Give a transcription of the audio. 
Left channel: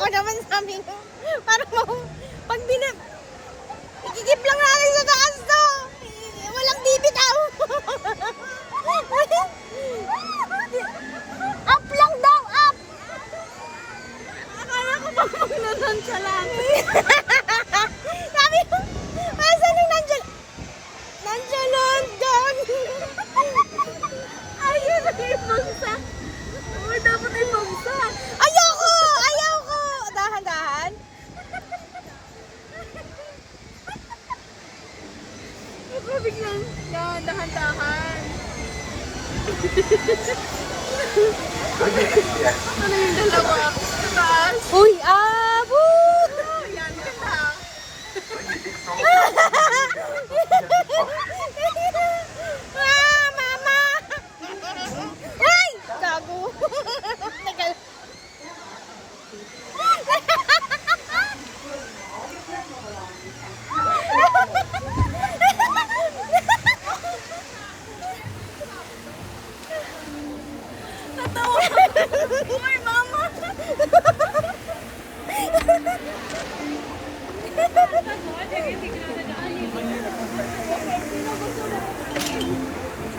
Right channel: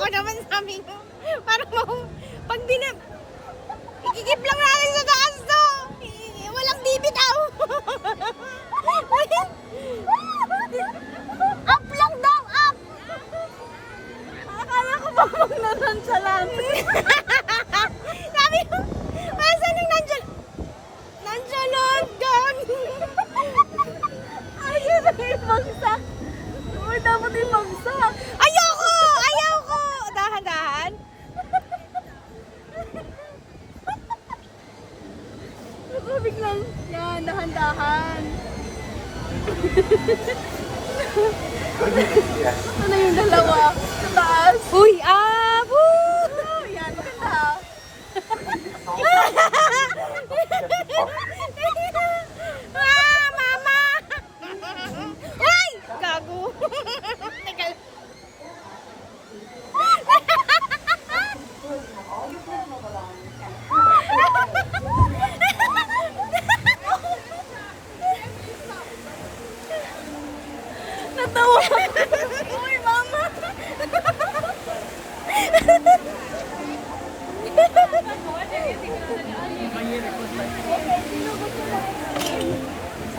ako naman sabi ko. Parang pag ikikip lang natin sa taas to. Walang bibitaw. Up lang daw, up. Akala ko ba magnanan siya lang? Sabi ko, asan yung nandiyan? Nandiyan lang, doon. Ayun na yung bagsak. Uy, dapat yung bagsak. Ayoko! Ayoko! Dahan-dahan. Ito biglang yan, dahan-dahan. Ano yung dalawa? Taas. Uy, woo! Ayan, ganda. Mama! Uy! Gago! Teka.